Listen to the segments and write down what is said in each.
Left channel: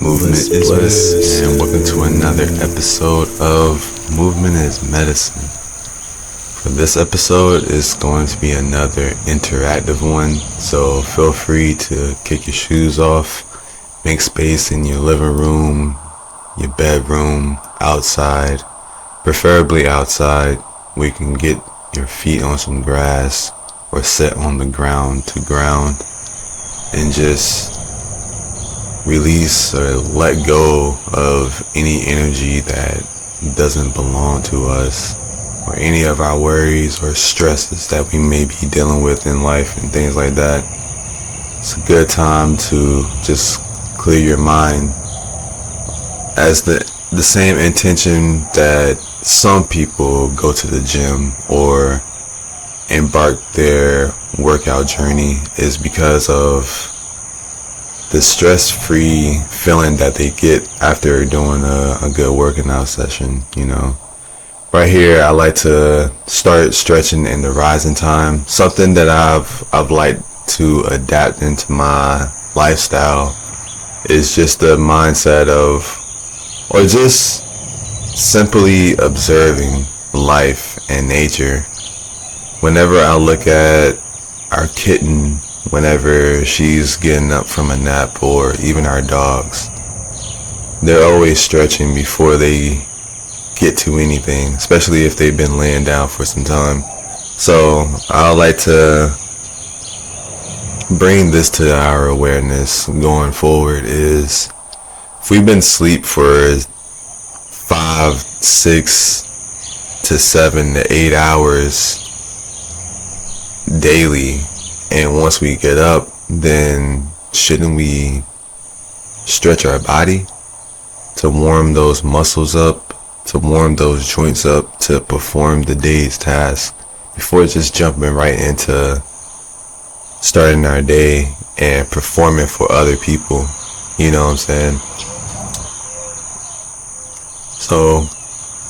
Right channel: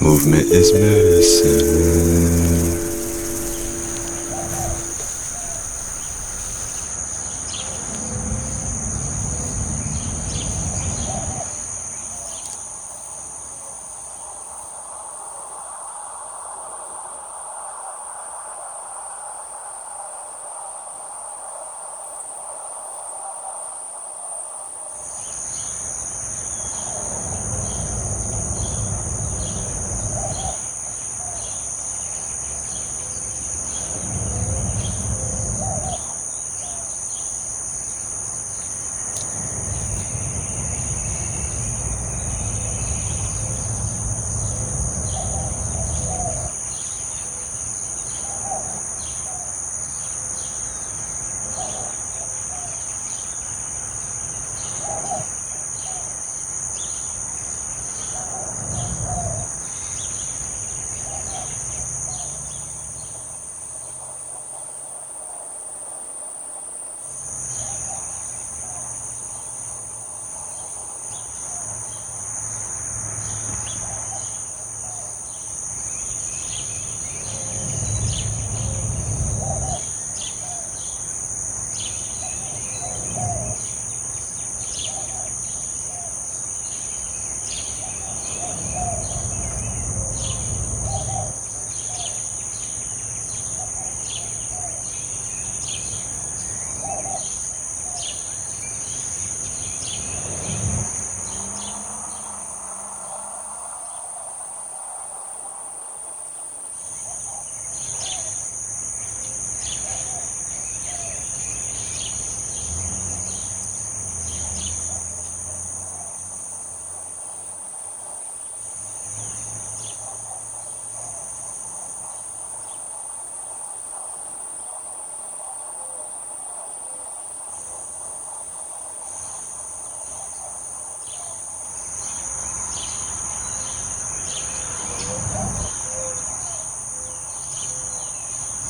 Movement is bliss, and welcome to another episode of Movement is Medicine. For this episode, it's going to be another interactive one, so feel free to kick your shoes off, make space in your living room, your bedroom, outside, preferably outside, where you can get your feet on some grass or sit on the ground to ground and just release or let go of any energy that doesn't belong to us, or any of our worries or stresses that we may be dealing with in life and things like that. It's a good time to just clear your mind, as the same intention that some people go to the gym or embark their workout journey is because of the stress-free feeling that they get after doing a good working out session, you know. Right here, I like to start stretching in the rising time. Something that I've liked to adapt into my lifestyle is just the mindset of, or just simply observing life and nature. Whenever I look at our kitten, whenever she's getting up from a nap, or even our dogs, they're always stretching before they get to anything, especially if they've been laying down for some time. So I like to bring this to our awareness going forward is, if we've been asleep for 5, 6 to 7 to 8 hours daily, and once we get up, then shouldn't we stretch our body to warm those muscles up, to warm those joints up, to perform the day's task, before just jumping right into starting our day and performing for other people? You know what I'm saying? So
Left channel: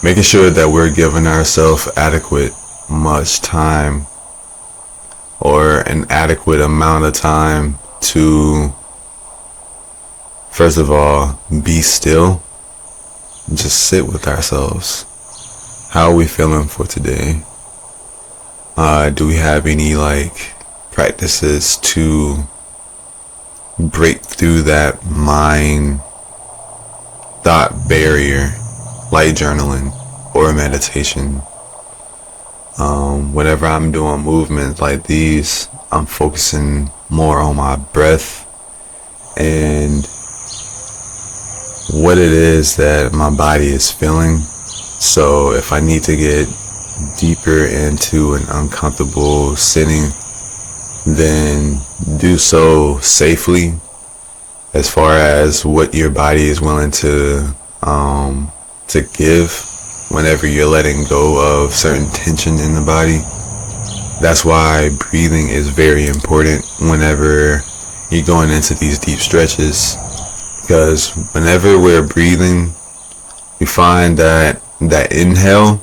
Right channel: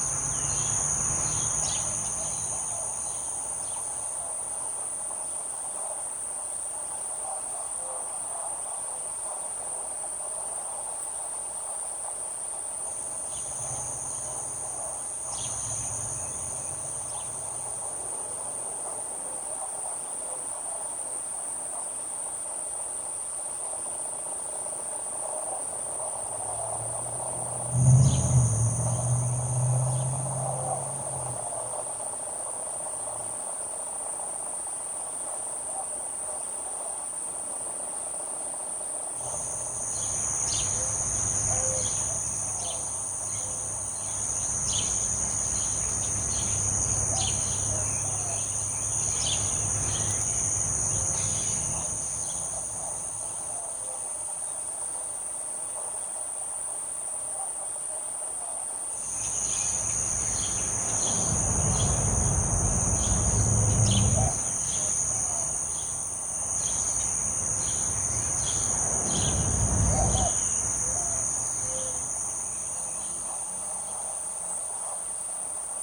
making sure that we're giving ourselves adequate much time, or an adequate amount of time to, first of all, be still, just sit with ourselves. How are we feeling for today? Do we have any practices to break through that mind thought barrier, like journaling or meditation? Whenever I'm doing movements like these, I'm focusing more on my breath and what it is that my body is feeling. So if I need to get deeper into an uncomfortable sitting, then do so safely, as far as what your body is willing to give whenever you're letting go of certain tension in the body. That's why breathing is very important whenever you're going into these deep stretches, because whenever we're breathing, we find that inhale,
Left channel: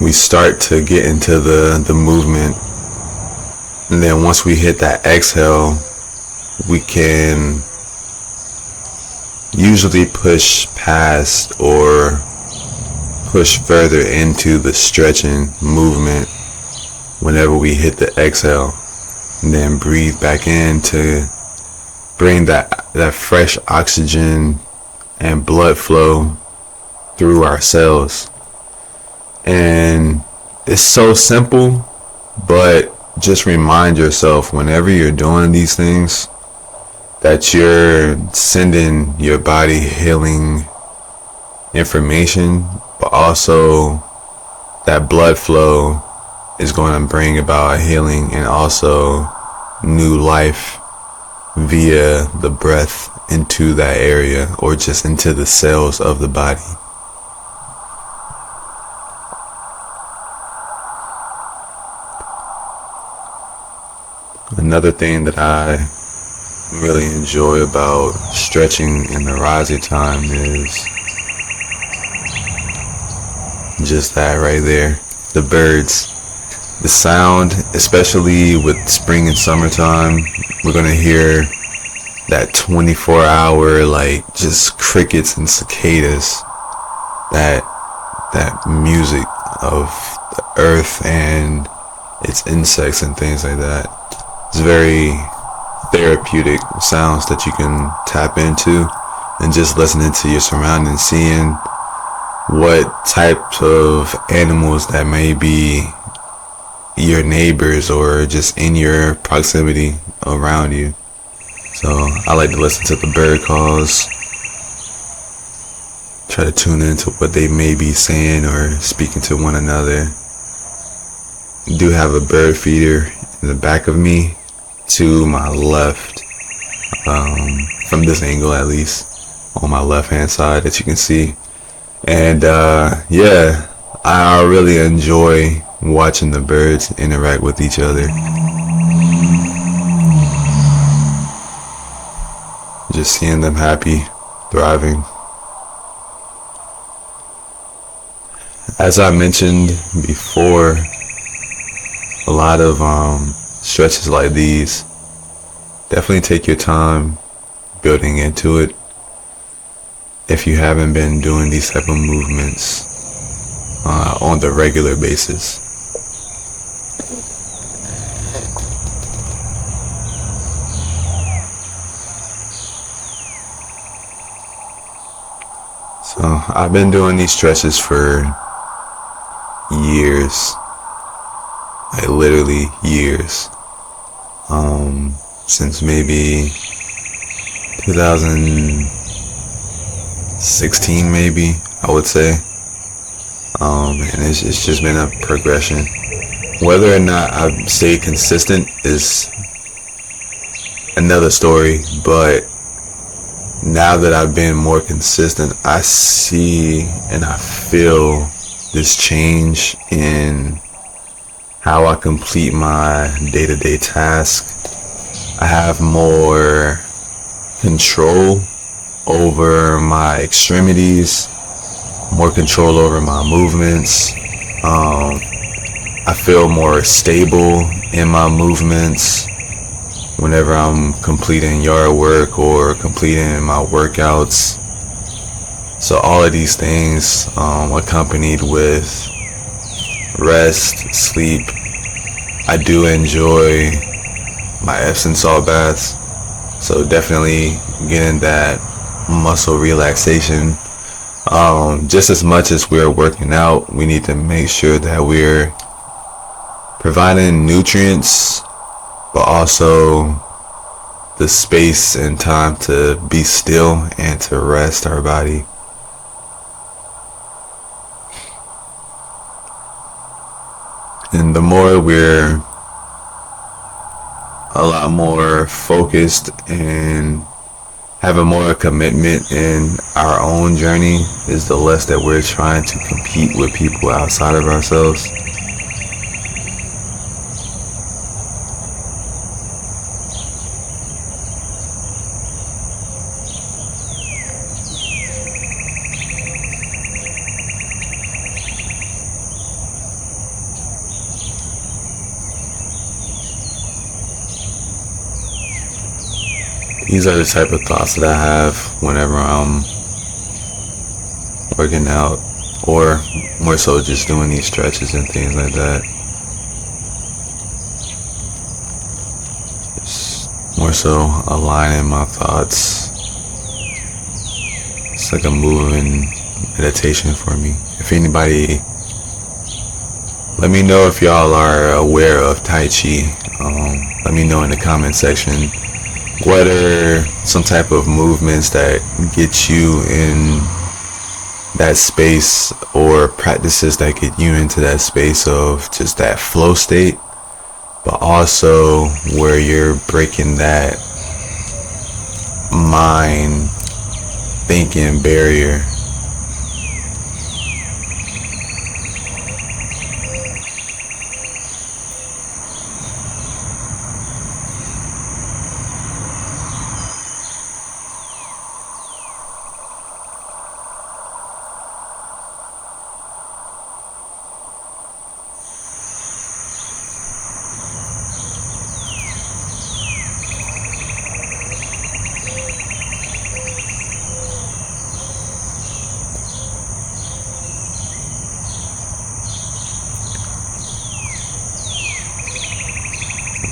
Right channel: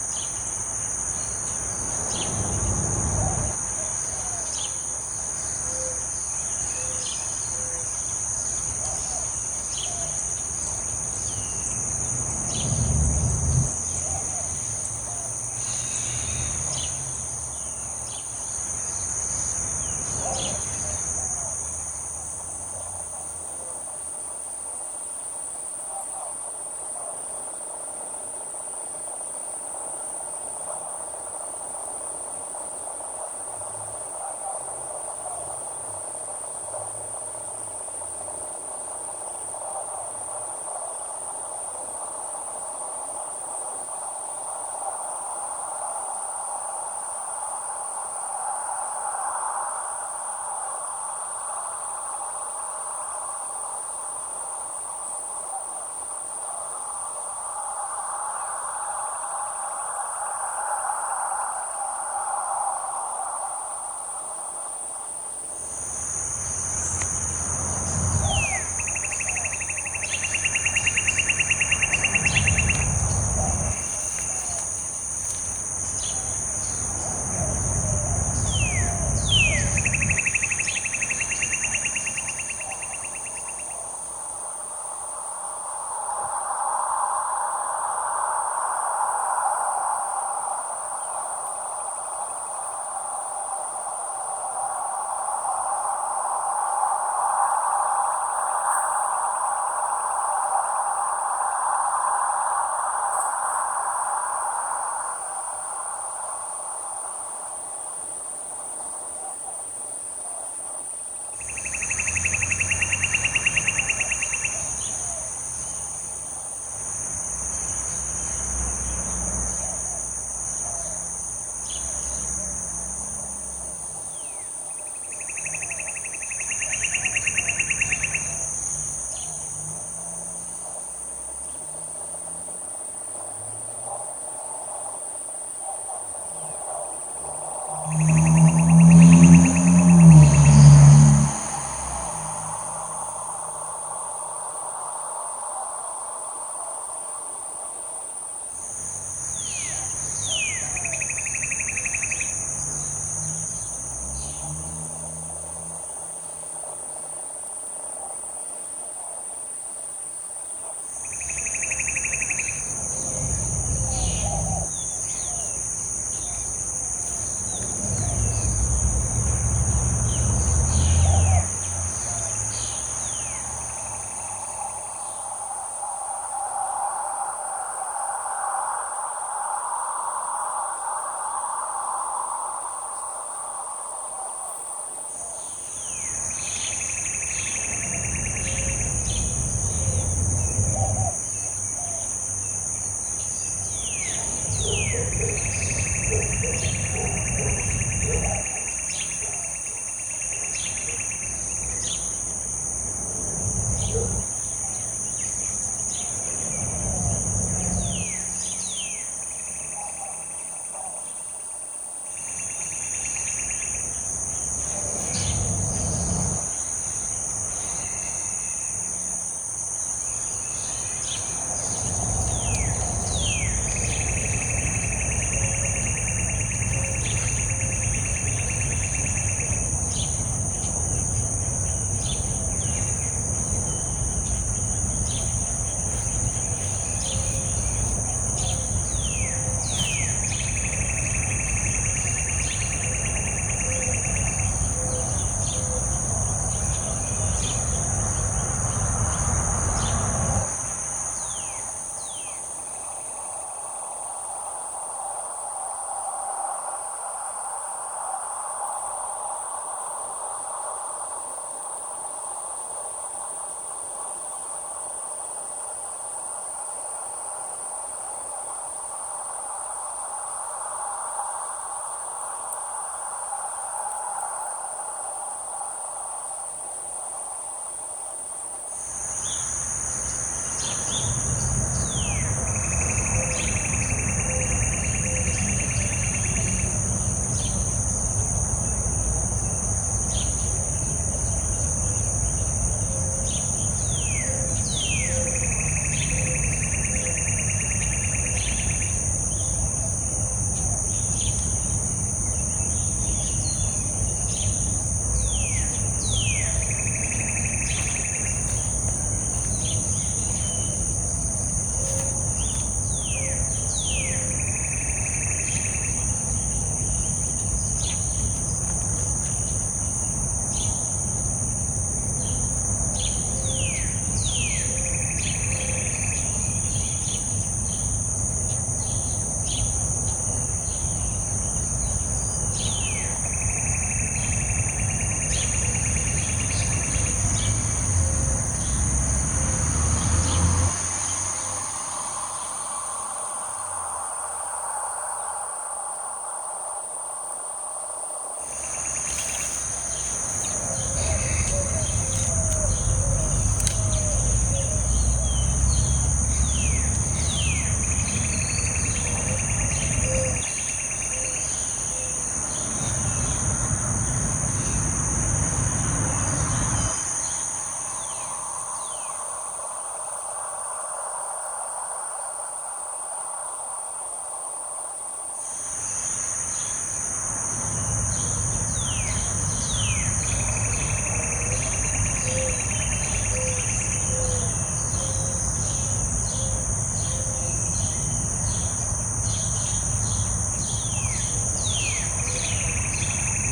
we start to get into the movement, and then once we hit that exhale, we can usually push past or push further into the stretching movement whenever we hit the exhale, and then breathe back in to bring that fresh oxygen and blood flow through our cells. And it's so simple, but just remind yourself whenever you're doing these things that you're sending your body healing information, but also that blood flow is going to bring about healing and also new life via the breath into that area, or just into the cells of the body. Another thing that I really enjoy about stretching in the rising time is just that right there. The birds, the sound, especially with spring and summertime, we're gonna hear that 24-hour, like, just crickets and cicadas, that music of the earth and its insects and things like that. It's very therapeutic sounds that you can tap into, and just listening to your surroundings, seeing what types of animals that may be your neighbors or just in your proximity around you. So I like to listen to the bird calls, try to tune into what they may be saying or speaking to one another. I do have a bird feeder in the back of me to my left, from this angle at least, on my left hand side that you can see. And yeah, I really enjoy watching the birds interact with each other. Just seeing them happy, thriving. As I mentioned before, a lot of stretches like these, definitely take your time building into it if you haven't been doing these type of movements on the regular basis. So I've been doing these stretches for years, like literally years, since maybe 2016, maybe I would say, and it's just been a progression. Whether or not I've stayed consistent is another story, but now that I've been more consistent, I see and I feel this change in how I complete my day-to-day task. I have more control over my extremities, more control over my movements. I feel more stable in my movements whenever I'm completing yard work or completing my workouts. So all of these things, accompanied with rest, sleep. I do enjoy my Epsom salt baths, so definitely getting that muscle relaxation. Just as much as we're working out, we need to make sure that we're providing nutrients, but also the space and time to be still and to rest our body. And the more we're a lot more focused and have a more commitment in our own journey, is the less that we're trying to compete with people outside of ourselves. These are the type of thoughts that I have whenever I'm working out, or more so just doing these stretches and things like that. It's more so aligning my thoughts. It's like a moving meditation for me. If anybody, let me know if y'all are aware of Tai Chi. Let me know in the comment section. What are some type of movements that get you in that space, or practices that get you into that space of just that flow state, but also where you're breaking that mind thinking barrier?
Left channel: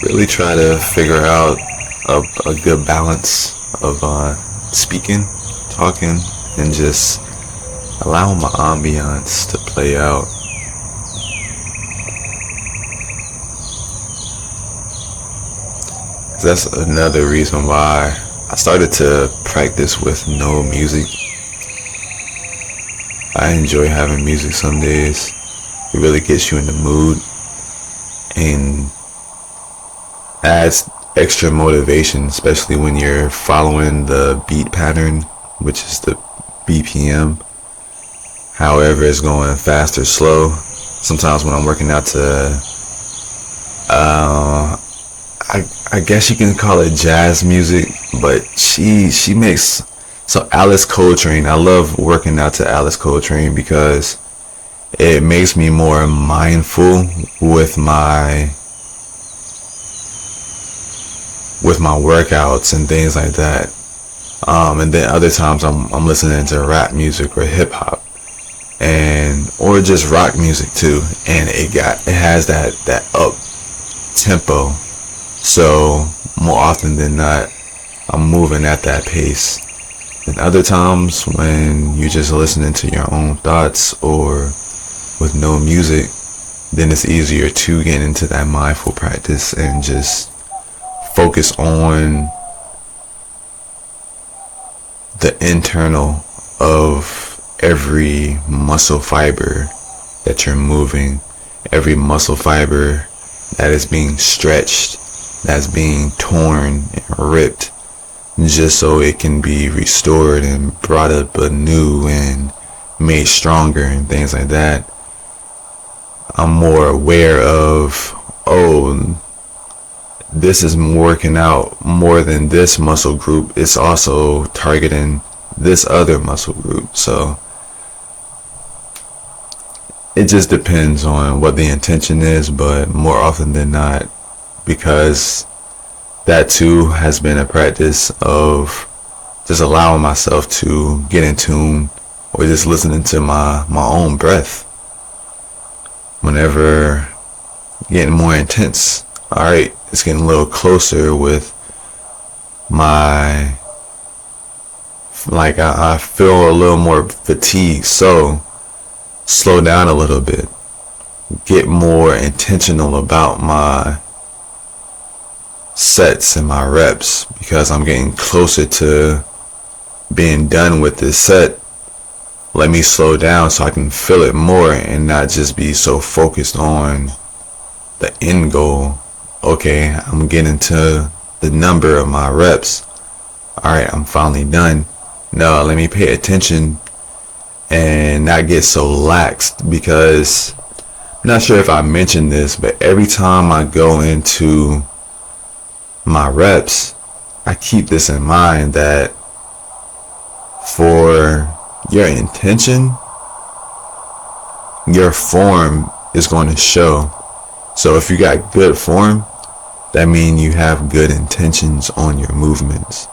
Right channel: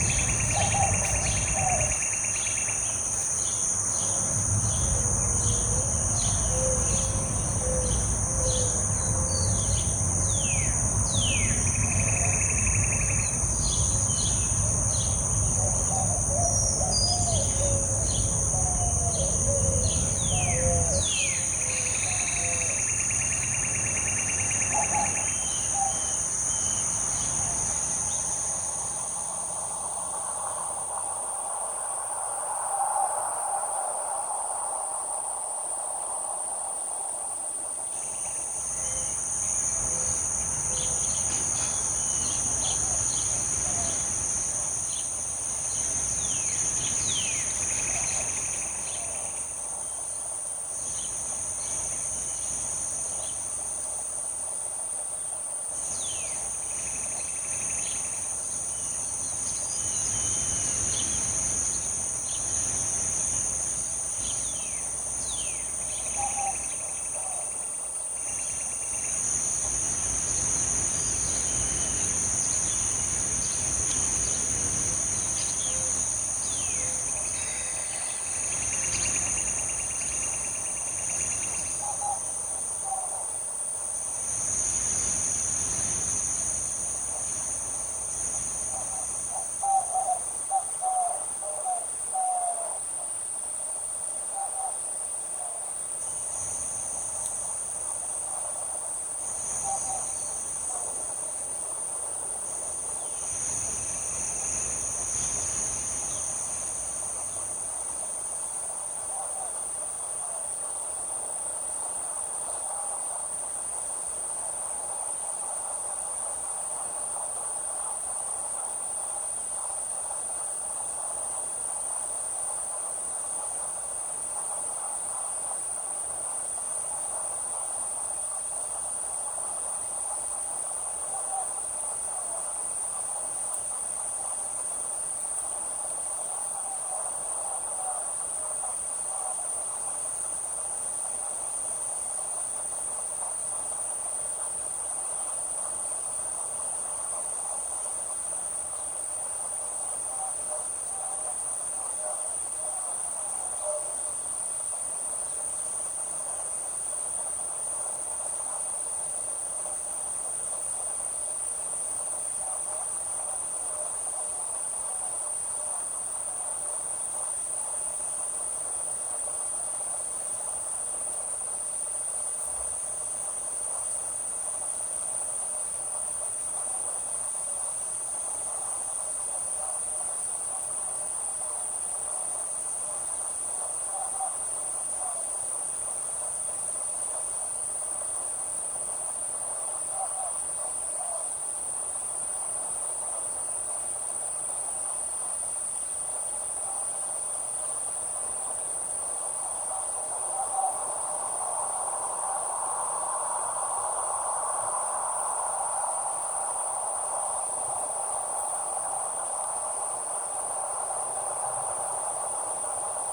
really try to figure out a good balance of speaking, talking, and just allowing my ambiance to play out. That's another reason why I started to practice with no music. I enjoy having music some days. It really gets you in the mood and adds extra motivation, especially when you're following the beat pattern, which is the BPM. However, it's going fast or slow. Sometimes when I'm working out to, I guess you can call it jazz music, but she makes, so Alice Coltrane, I love working out to Alice Coltrane because it makes me more mindful with my workouts and things like that. And then other times I'm listening to rap music or hip hop, and or just rock music too, and it has that up tempo. So more often than not, I'm moving at that pace. And other times when you're just listening to your own thoughts or with no music, then it's easier to get into that mindful practice and just focus on the internal of every muscle fiber that you're moving, every muscle fiber that is being stretched, that's being torn and ripped, just so it can be restored and brought up anew and made stronger and things like that. I'm more aware of, oh, this is working out more than this muscle group. It's also targeting this other muscle group. So it just depends on what the intention is, but more often than not, because that too has been a practice of just allowing myself to get in tune or just listening to my own breath. Whenever getting more intense, all right, it's getting a little closer with my, like I feel a little more fatigued, so slow down a little bit, get more intentional about my sets and my reps, because I'm getting closer to being done with this set. Let me slow down so I can feel it more and not just be so focused on the end goal. Okay, I'm getting to the number of my reps. Alright, I'm finally done. No, let me pay attention and not get so laxed, because I'm not sure if I mentioned this, but every time I go into my reps, I keep this in mind that for your intention, your form is going to show. So if you got good form, that means you have good intentions on your movements.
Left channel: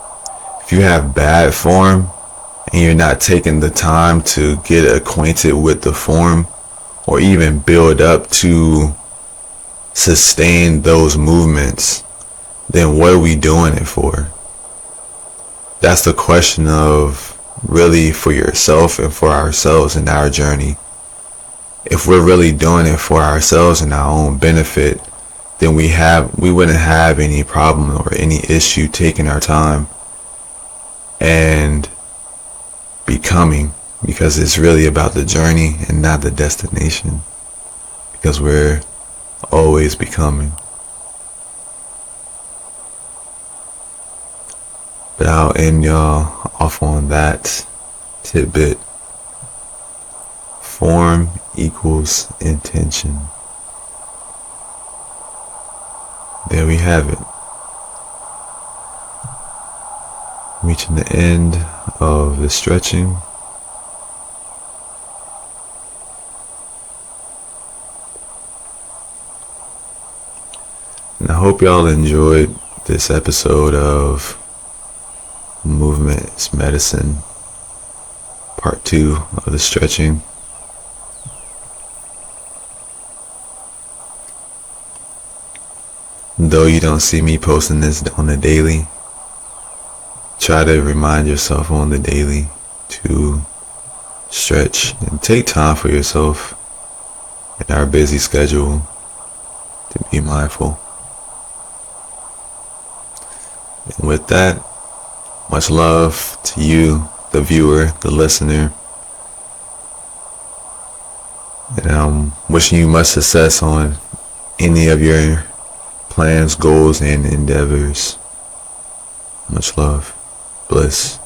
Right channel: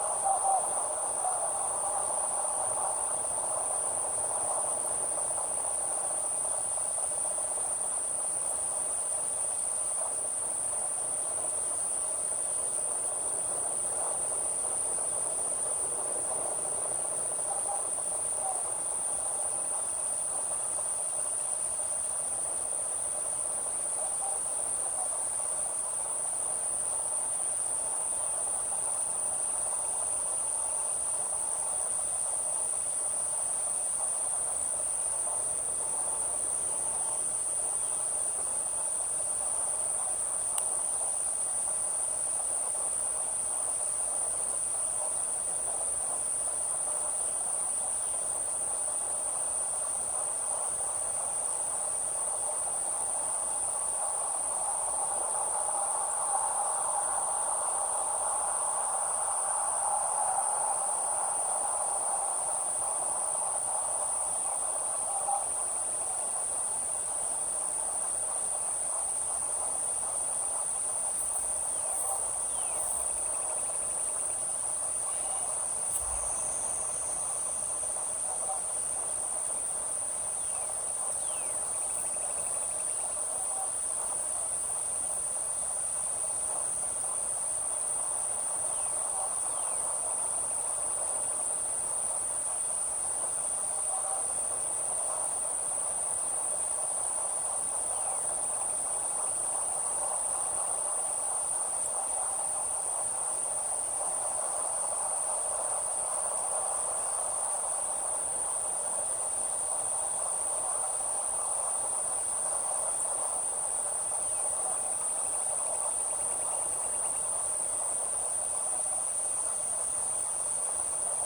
If you have bad form and you're not taking the time to get acquainted with the form or even build up to sustain those movements, then what are we doing it for? That's the question of really for yourself and for ourselves in our journey. If we're really doing it for ourselves and our own benefit, then we wouldn't have any problem or any issue taking our time and becoming, because it's really about the journey and not the destination, because we're always becoming. But I'll end y'all off on that tidbit. Form equals intention. There we have it. Reaching the end of the stretching. And I hope y'all enjoyed this episode of Movement is Medicine, part 2 of the stretching. Though you don't see me posting this on the daily, try to remind yourself on the daily to stretch and take time for yourself in our busy schedule, to be mindful. And with that, much love to you, the viewer, the listener. And I'm wishing you much success on any of your plans, goals, and endeavors. Much love. Bliss.